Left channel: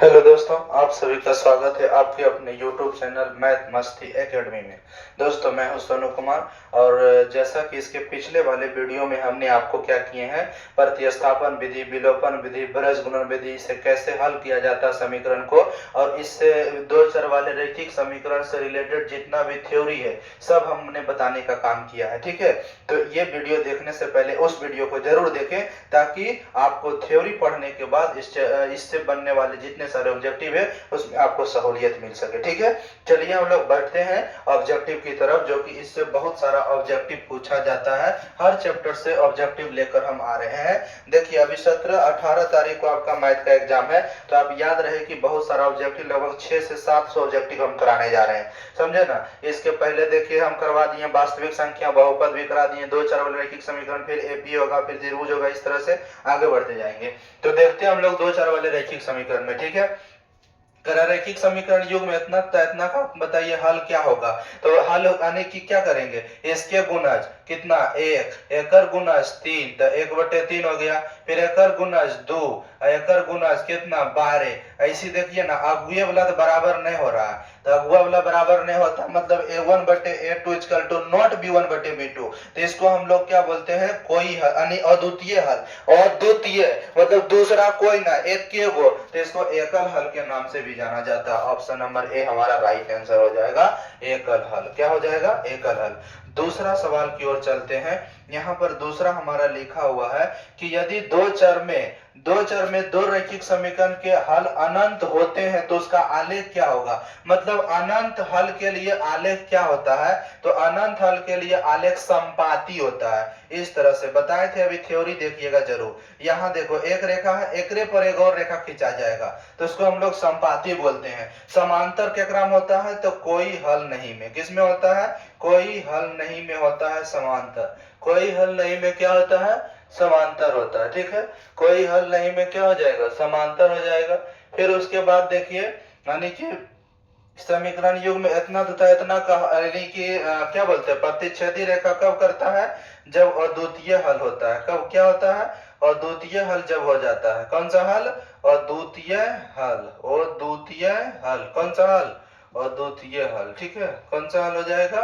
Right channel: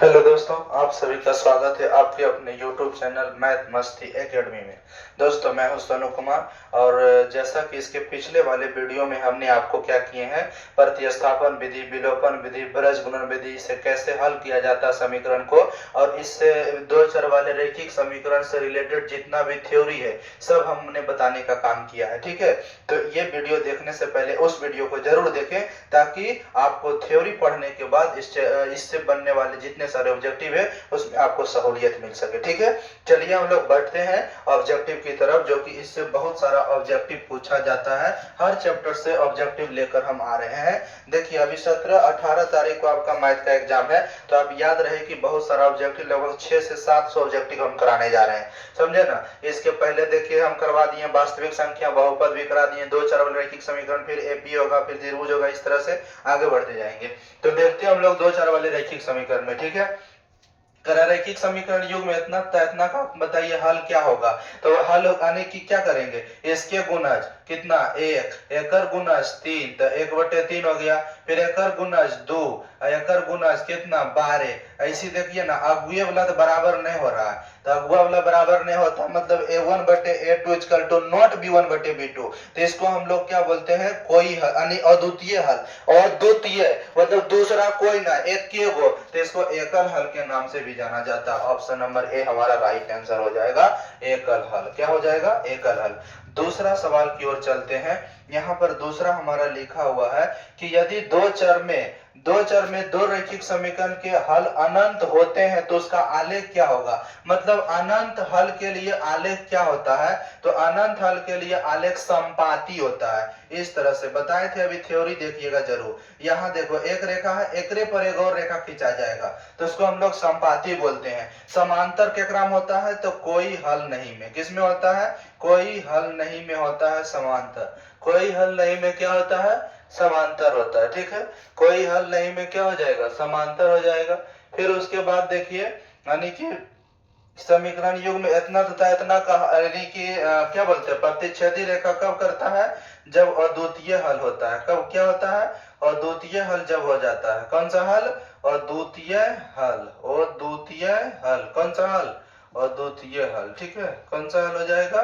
Hello दोस्तों, आप सभी का स्वागत है आपके अपने YouTube चैनल मैथ मस्ती एकेडमी में। दोस्तों, मैं हूं सोनू कुमार। और जैसा कि इसके पिछले वाले वीडियो में हमने आपको क्या किए हैं, प्रतिस्थापन विधि, विलोपन विधि, ब्रज गुणन विधि से कैसे हल किया जाता है समीकरण को, और इससे दो चर वाले रैखिक समीकरण से रिलेटेड जितना भी थ्योरी है सब हमने बताने का काम किया है। ठीक है, तो ये वीडियो देखने से पहले उस वीडियो को जरूर देखें ताकि आपको थ्योरी पढ़ने के बाद इससे बनने वाले जितने सारे ऑब्जेक्टिव है उसमें आपको सहूलियत मिल सके। ठीक है, चलिए हम लोग बढ़ते हैं ऑब्जेक्टिव की तरफ, जो कि इससे बहुत सारा ऑब्जेक्टिव पूछा जाता है। हर चैप्टर से ऑब्जेक्टिव लेकर हम आ रहे हैं। देखिए, अभी 17-18 तारीख को आपका मैथ का एग्जाम है, तो आप याद रहे कि बहुत सारा ऑब्जेक्टिव, लगभग 600 से 700 ऑब्जेक्टिव हम कराने जा रहे हैं, समझे ना। इसके पहले देखिए हम करवा दिए वास्तविक संख्या, बहुपद भी करा दिए, दो चार वाले रैखिक समीकरण, फिर एपी होगा, फिर त्रिभुज होगा, इस तरह से आगे बढ़ते जाएंगे। तो देखते हैं हम लोग दो चार वाले रैखिक समीकरण में। ठीक है, रैखिक समीकरण युग में इतना इतना का बताइए हल क्या होगा। तो हल आने की क्या करेंगे, इसके गुणज कितना, एक, एकर गुणज 3, तो 1/3 हो गया। फिर एकर गुणज 2, एकर गुणज कितना, 12। ऐसी देखिए ना, अगुए वाला तो बराबर नहीं हो रहा है, तो अगुआ वाला बराबर नहीं होता, मतलब a1/a2 equal to not b1/b2। तो इसको हम लोग क्या बोलते हैं, कोई हल, यानी अद्वितीय हल। अद्वितीय मतलब दूसरा कोई ना, एक के गो, तो इसको एकल हल के नाम से भी जाना जाता है। ऑप्शन नंबर ए हमारा राइट आंसर हो जाएगा, एकल हल। क्या हो जाएगा, एकल हल। दूसरा सवाल की ओर चलते हैं। यहाँ पर दूसरा हमारा लिखा हुआ है कि यदि दो चर में दो रैखिक समीकरण के हल अनंत होते हैं तो उसका आलेख क्या होगा। मतलब अनंत हल के लिए आलेख क्या होता है, तो अनंत हल के लिए आलेख संपाती होता है। इस तरह से बताए थे, अभी थ्योरी देखिएगा जरूर। यहाँ देखो एक रेखा है, एकरे पर एक और रेखा खींचा जाएगा, तो उसको हम लोग संपाती बोलते हैं। समांतर केकरा में होता है, तो कोई हल नहीं में। किस में होता है, कोई हल नहीं में होता है समांतर। कोई हल नहीं में क्या होता है, समांतर होता है। ठीक है, कोई हल नहीं में क्या हो जाएगा, समांतर हो जाएगा। फिर उसके बाद देखिए, यानी कि समीकरण युग में इतना तथा इतना का, यानी कि क्या बोलते हैं, प्रतिच्छेदी रेखा कब करता है, जब अद्वितीय हल होता है। कब क्या होता है, अद्वितीय हल जब हो जाता है। कौन सा हल, अद्वितीय हल। अद्वितीय हल कौन सा हल, अद्वितीय हल। ठीक है, कौन सा हल हो जाएगा,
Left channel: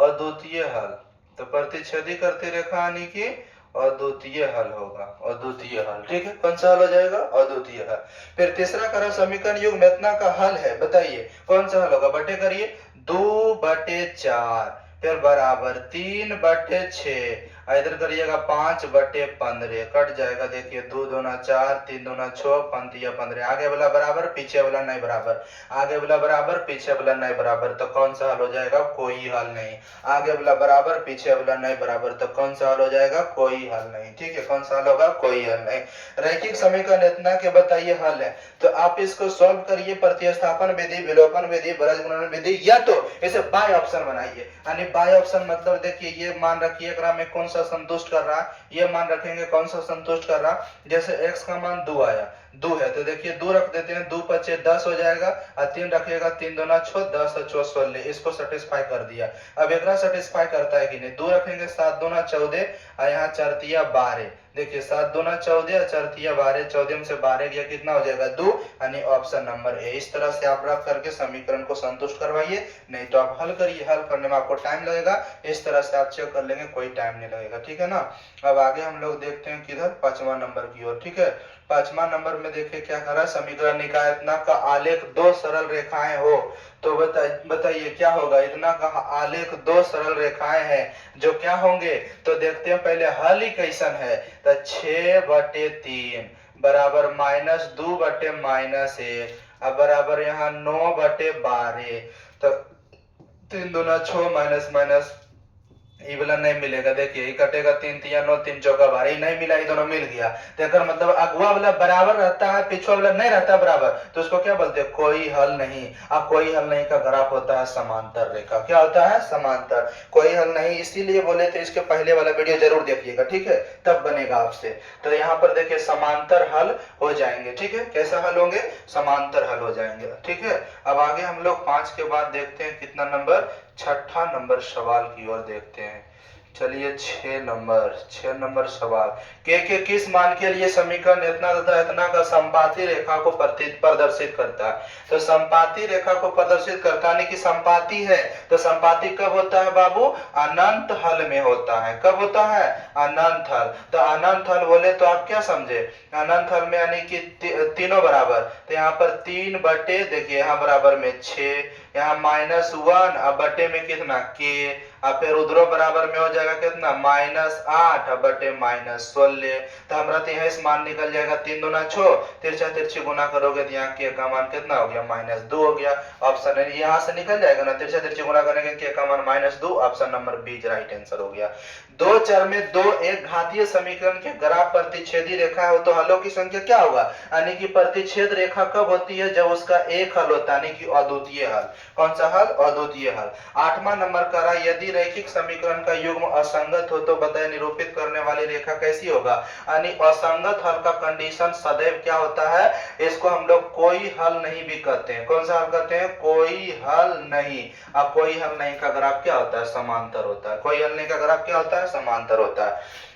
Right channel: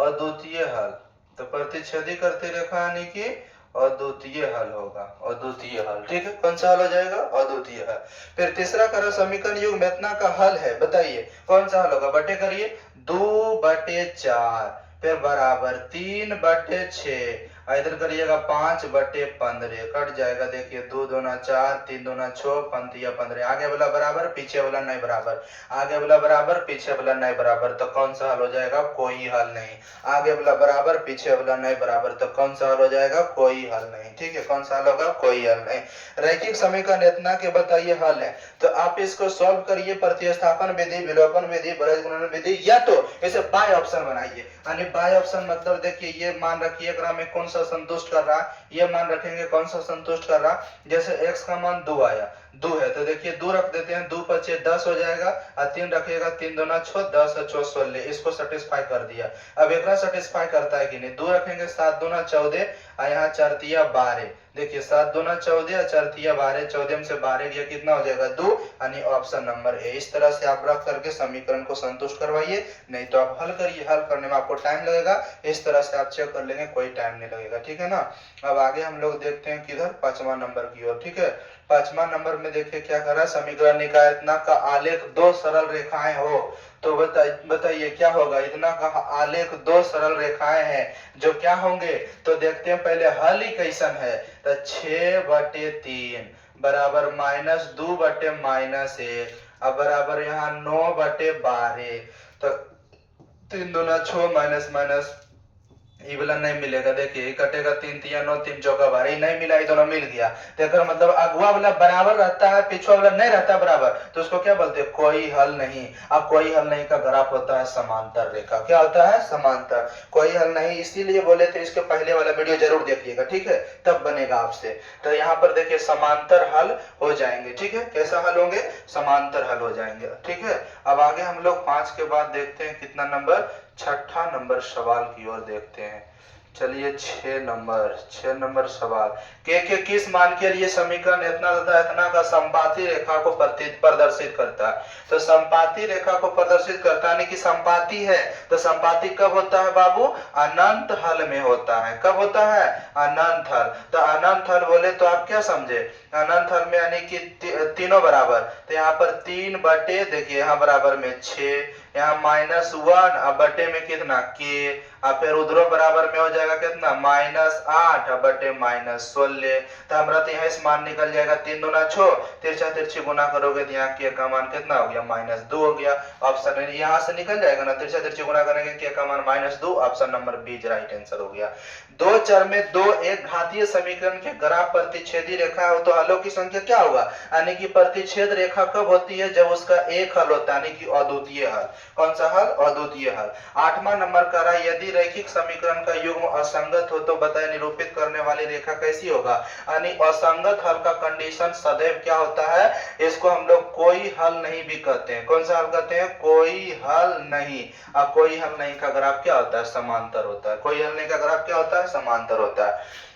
अद्वितीय हल। तो प्रतिच्छेदी करती रेखा यानी कि अद्वितीय हल होगा, अद्वितीय हल। ठीक है, कौन सा हल हो जाएगा, अद्वितीय हल। फिर तीसरा करो, समीकरण युग में इतना का हल है, बताइए कौन सा हल होगा। बटे करिए, 2/4, फिर बराबर 3/6, इधर करिएगा 5/15, कट जाएगा। देखिए 2 दूना 4, 3 दूना 6, पंतिया 15, आगे वाला बराबर पीछे वाला नहीं बराबर, आगे वाला बराबर पीछे वाला नहीं बराबर, तो कौन सा हल हो जाएगा, कोई हल नहीं। आगे वाला बराबर पीछे वाला नहीं बराबर, तो कौन सा हल हो जाएगा, कोई हल नहीं। ठीक है, कौन सा हल होगा, कोई हल नहीं। रैखिक समीकरण इतना के बताइए हल है, तो आप इसको सॉल्व करिए, प्रतिस्थापन विधि, विलोपन विधि, ब्रज गुणन विधि, या तो इसे बाय ऑप्शन बनाइए। यानी बाय ऑप्शन मतलब देखिए, ये मान रखिए में कौन सा संतुष्ट कर रहा, ये मान रखेंगे कौन सा संतुष्ट कर रहा। जैसे x का मान 2 आया, 2 है, तो देखिए 2 रख देते हैं, 2×5 10 हो जाएगा, और 3 रखिएगा, 3 दूना 6, 10 और 6 16, इसको सेटिस्फाई कर दिया। अब एक सेटिस्फाई करता है कि नहीं, 2 रखेंगे, 7 दूना 14, और यहाँ 4 तिया 12। देखिए 7 दूना 14, 4 तिया 12, 14 में से 12 गया, कितना हो जाएगा, 2, यानी ऑप्शन नंबर ए। इस तरह से आप रख करके समीकरण को संतुष्ट करवाइए, नहीं तो आप हल करिए, हल करने में आपको टाइम लगेगा। इस तरह से आप चेक कर लेंगे, कोई टाइम नहीं लगेगा। ठीक है ना। अब आगे हम लोग देखते हैं किधर, 5वां नंबर की ओर। ठीक है, 5वां नंबर में देखिए क्या कर रहा है, समीकरण निकाय इतना का आलेख दो सरल रेखाएं हो, तो बताइए क्या होगा। इतना का आलेख दो सरल रेखाएं हैं जो क्या होंगे, तो देखते हैं पहले हल ही कैसन है। तो 6/3 बराबर -2/-1, अब बराबर यहाँ 9/12, तो 3 दूना 6, माइनस माइनस, ये वाला नहीं मिलेगा। देखिए कटेगा, 3 तिया 9, 3 चौका 12, नहीं मिला, ये दोनों मिल गया। देखकर मतलब अगुआ वाला बराबर रहता है, पिछुआ वाला नहीं रहता बराबर, तो उसको क्या बोलते हैं, कोई हल नहीं। अब कोई हल नहीं का ग्राफ होता है समांतर रेखा। क्या होता है, समांतर। कोई हल नहीं, इसीलिए बोले थे इसके पहले वाला वीडियो जरूर देखिएगा। ठीक है, तब बनेगा आपसे। तो यहाँ पर देखिए समांतर हल हो जाएंगे। ठीक है, कैसा हल होंगे, समांतर हल हो जाएंगे। ठीक है, अब आगे हम लोग 5 के बाद देखते हैं कितना नंबर, 6ठा नंबर सवाल की ओर देखते हैं। चलिए 6 नंबर सवाल, के किस मान के लिए समीकरण इतना तथा इतना का संपाती रेखा को प्रदर्शित करता है। तो संपाती रेखा को प्रदर्शित करता है कि संपाती है, तो संपाती कब होता है बाबू, अनंत हल में होता है। कब होता है, अनंत हल। तो अनंत हल बोले तो आप क्या समझे, अनंत हल में यानी कि तीनों बराबर, तो यहाँ पर 3 बटे, देखिए यहाँ बराबर में 6, यहाँ -1 अब बटे में कितना के, अब फिर उधरो बराबर में हो जाएगा कितना -8 अब बटे -16। तो हमारा तो यहाँ इस मान निकल जाएगा 3 दूना 6, तिरछा तिरछी गुना करोगे तो यहाँ के का मान कितना हो गया -2 हो गया। ऑप्शन यहाँ से निकल जाएगा ना, तिरछा तिरछी गुना करेंगे के का मान -2, option number B right answer हो गया। दो चर में दो एक घातीय समीकरण के ग्राफ प्रतिच्छेदी रेखा हो तो हलों की संख्या क्या होगा, यानी कि प्रतिच्छेद रेखा कब होती है, जब उसका एक हल होता है, यानी कि अद्वितीय हल। कौन सा हल, अद्वितीय हल। 8वां नंबर करा, यदि रैखिक समीकरण का युग्म असंगत हो तो बताए निरूपित करने वाली रेखा कैसी होगा, यानी असंगत हल का कंडीशन सदैव क्या होता है, इसको हम लोग कोई हल नहीं भी कहते हैं। कौन सा हल कहते हैं, कोई हल नहीं। अब कोई हल नहीं का ग्राफ क्या होता है, समांतर होता है। कोई हल नहीं का ग्राफ क्या होता है, समांतर होता है।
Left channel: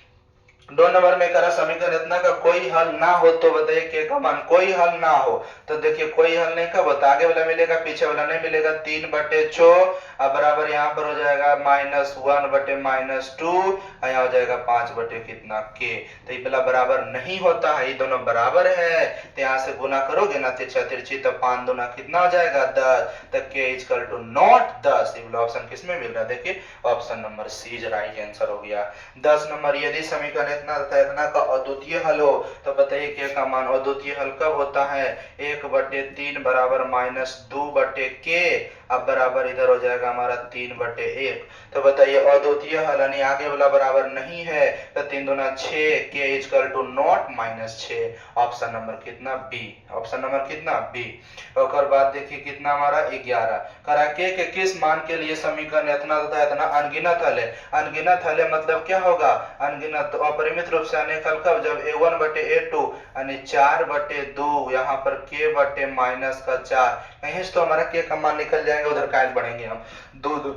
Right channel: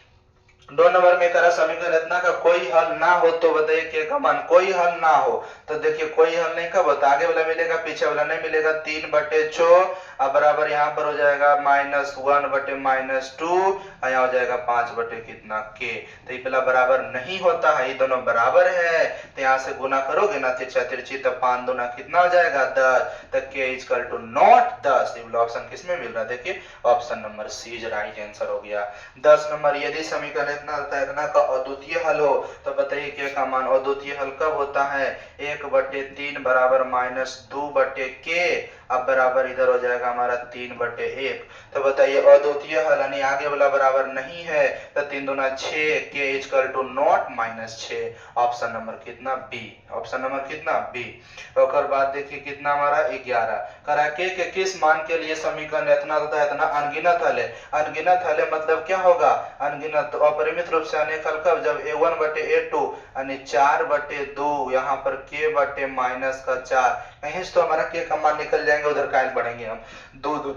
2 नंबर में करा, समीकरण इतना का कोई हल ना हो तो बताइए के का मान, कोई हल ना हो तो देखिए कोई हल नहीं कब होता, आगे वाला मिलेगा पीछे वाला नहीं मिलेगा। 3 बटे 6 अब बराबर यहाँ पर हो जाएगा -1 बटे -2, यहाँ हो जाएगा 5 बटे कितना के। तो ये वाला बराबर नहीं होता है, ये दोनों बराबर है तो यहाँ से गुना करोगे ना तिरछा तिरछी, तो 5 दूना कितना हो जाएगा 10, तक के इक्वल टू नॉट 10। ये वाला ऑप्शन किसमें मिल रहा है, देखिए option number C right answer हो गया। 10 नंबर, यदि समीकरण इतना तथा इतना का अद्वितीय हल हो तो बताइए के का मान, अद्वितीय हल कब होता है, 1/3 बराबर -2 बटे के, अब बराबर इधर हो जाएगा हमारा 3/1। तो बताइए अद्वितीय हल यानी आगे वाला बराबर नहीं है, तो 3 दूना 6, के equal to not -6, option number कितना बी, ऑप्शन नंबर कितना बी। और बाद देखिए कितना हमारा 11 करा, के किस मान के लिए समीकरण इतना तथा इतना अनगिनत हल है। अनगिनत हल है मतलब क्या होगा, अनगिनत अपरिमित रूप से अनेक हल कब, जब a1 बटे a2 यानी 4/2, यहाँ पर k बटे -4, कहीं से तो हमारा k का मान निकल जाएंगे, उधर कायल बढ़ेंगे हम, 2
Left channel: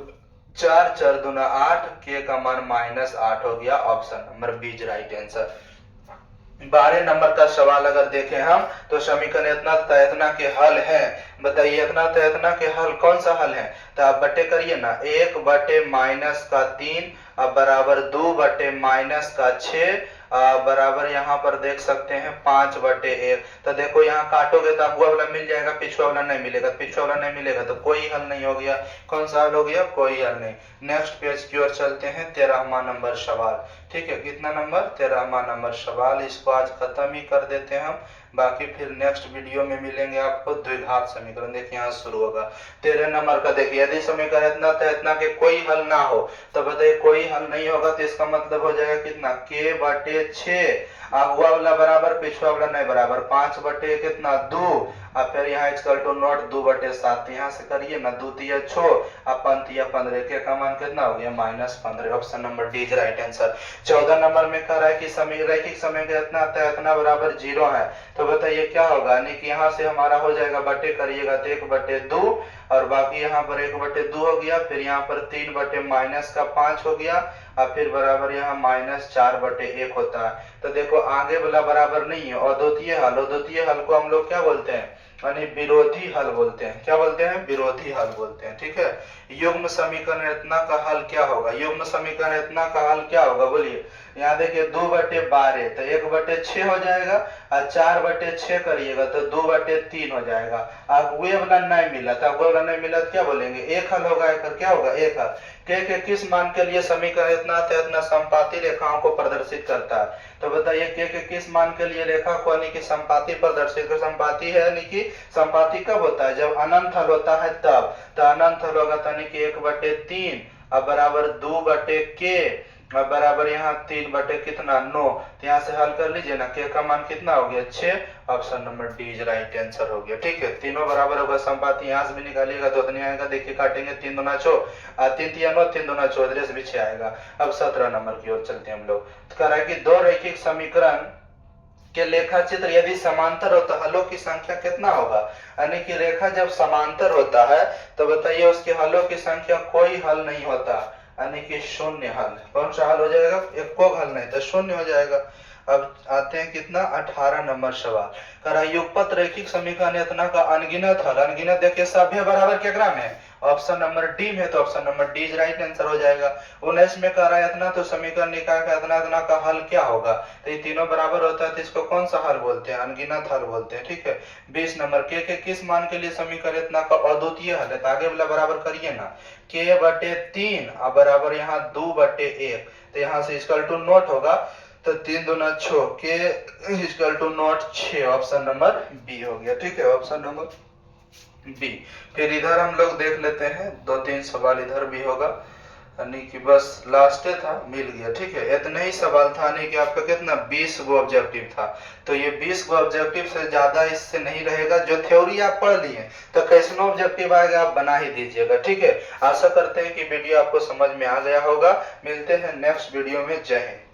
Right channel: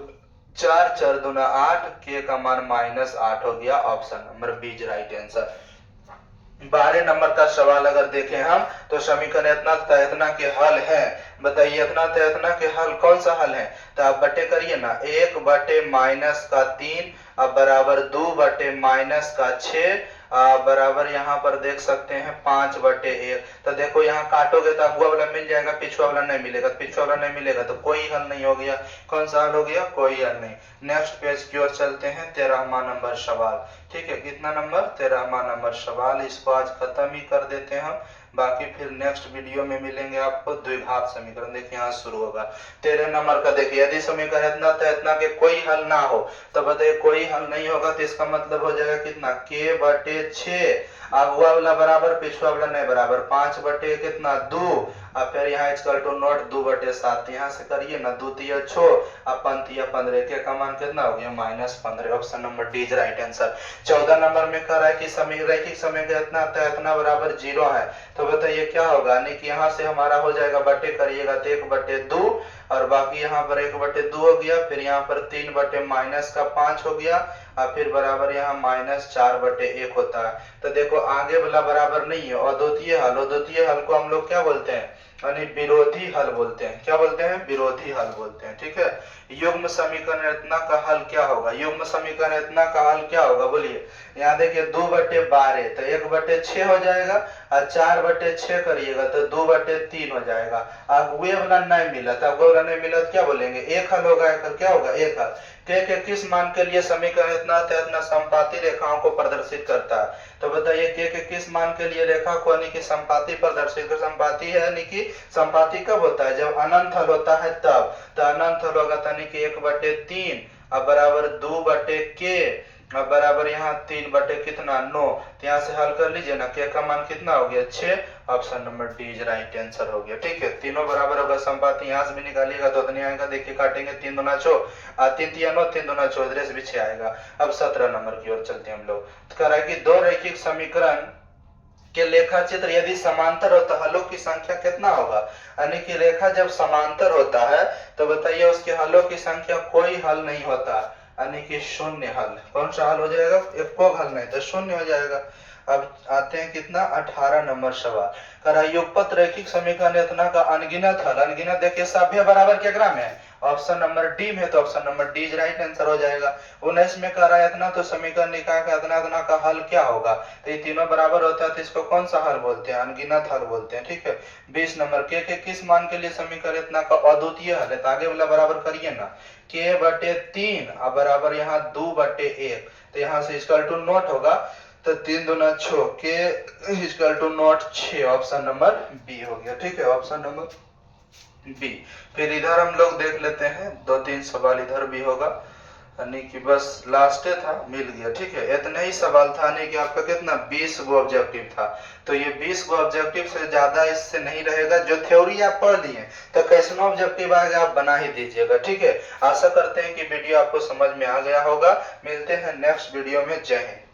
4 4 दूना 8, k का मान -8 हो गया, option number B right answer. 12 number का सवाल अगर देखें हम तो समीकरण इतना तथा इतना के हल है, बताइए इतना तथा इतना के हल कौन सा हल है, तो आप बटे करिए ना, 1/-3 अब बराबर 2/-6 बराबर यहाँ पर देख सकते हैं 5/1। तो देखो यहाँ काटोगे तो अगुआ वाला मिल जाएगा, पिछुआ वाला नहीं मिलेगा, पिछुआ वाला नहीं मिलेगा तो कोई हल नहीं हो गया। कौन सा हल हो गया, कोई हल नहीं। नेक्स्ट पेज की ओर चलते हैं, 13वां नंबर सवाल। ठीक है, कितना नंबर, 13वां नंबर सवाल। इसको आज खत्म ही कर देते हैं हम, बाकी फिर नेक्स्ट वीडियो में मिलेंगे आपको। द्विघात समीकरण देखिए यहाँ शुरू होगा। 13 नंबर का देखिए, यदि समीकरण इतना था इतना के कोई हल ना हो तो बताइए कोई हल नहीं होगा तो इसका मतलब हो जाएगा कितना, k/6, अगुआ वाला बराबर पिछुआ वाला नहीं बराबर, 5 कितना 2, अब फिर यहाँ इक्वल टू नॉट 2/7, यहाँ से करिए ना, 2 तिया 6 अब 5 तिया 15, के का मान कितना हो गया -15, option number D right answer. 14 number में कह रहा है कि रैखिक समीकरण इतना आता है इतना बराबर 0 है, तो बताइए क्या होगा, यानी कि यहाँ से हमारा हो जाएगा बटे करिएगा तो 1/2 और बाकी यहाँ पर 1/2 हो गया, फिर यहाँ पर 3/-5 हो गया, और फिर बराबर यहाँ -4/1 होता है। तो देखो आगे वाला बराबर नहीं है, अद्वितीय हल, अद्वितीय हल को हम लोग क्या बोलते हैं, यानी विरोधी हल बोलते हैं। क्या बोलते हैं, विरोधी हल बोलते हैं। ठीक है, युग्म समीकरण इतना का हल क्या होगा, युग्म समीकरण इतना का हल क्या होगा बोलिए। यहाँ देखिए 2/12 तो 1/6 हो जाएगा, और 4/6 करिएगा तो 2/3 हो जाएगा। अब वे वाला नहीं मिला तो अगुआ वाला नहीं मिला तो क्या बोलेंगे, एक हल होगा, एक क्या होगा, एक हल। के किस मान के लिए समीकरण इतना था इतना संपाती रेखाओं को प्रदर्शित करता है, तो बताइए के किस मान के लिए रेखा को यानी कि संपाती प्रदर्शित, संपाती है यानी कि संपाती कब होता है, जब अनंत हल होता है तब। तो अनंत हल होगा यानी कि 1/3 अब बराबर 2/k अब बराबर यहाँ 3 कितना 9, तो यहाँ से हल कर लीजिए ना, के का मान कितना हो गया 6, option number D is right answer हो गया। ठीक है, तीनों बराबर होगा, संपाती यहाँ से भी निकालिएगा तो उतनी आएगा, देखिए काटेंगे 3 दूना 6 3 तिया 9 3 दूना 14 भी 6 आएगा। अब 17 नंबर की ओर चलते हैं हम लोग। तो कह रहा है कि दो रैखिक समीकरण के लेखा चित्र यदि समांतर हो तो हलों की संख्या कितना होगा, यानी कि रेखा जब समांतर होता है तो बताइए उसके हलों की संख्या, कोई हल नहीं होता, यानी कि शून्य हल। कौन सा हल हो जाएगा? एकोग हल नहीं तो शून्य हो जाएगा। अब आते हैं कितना 18 नंबर सवाल। करा युगपत रैखिक समीकरण इतना का अनगिनत हल। अनगिनत देखिए सभ्य बराबर केकरा में है? ऑप्शन नंबर डी में, तो option number D is right answer हो जाएगा। 19 में कह रहा है इतना, तो समीकरण निकाय का इतना इतना का हल क्या होगा? तो ये तीनों बराबर होता है तो इसको कौन सा हल बोलते हैं? अनगिनत हल बोलते हैं। ठीक है। 20 नंबर के किस मान के लिए समीकरण इतना का अद्वितीय हल है? तो आगे वाला बराबर करिए ना, के बटे 3 अब बराबर यहाँ 2 बटे 1, तो यहाँ से इक्वल टू नोट होगा, तो 3 दूना 6, के equal to not 6, option number B हो गया। ठीक है, ऑप्शन नंबर बी। फिर इधर हम लोग देख लेते हैं, 2-3 सवाल इधर भी होगा, यानी कि बस लास्ट था, मिल गया। ठीक है, इतना ही सवाल था, यानी कि आपका कितना 20 गो ऑब्जेक्टिव था। तो ये 20 गो ऑब्जेक्टिव से ज्यादा इससे नहीं रहेगा। जो थ्योरी आप पढ़ लिए तो कैसे ऑब्जेक्टिव आएगा आप बना ही दीजिएगा। ठीक है, आशा करते हैं कि वीडियो आपको समझ में आ गया होगा। मिलते हैं नेक्स्ट वीडियो में। जय हिंद।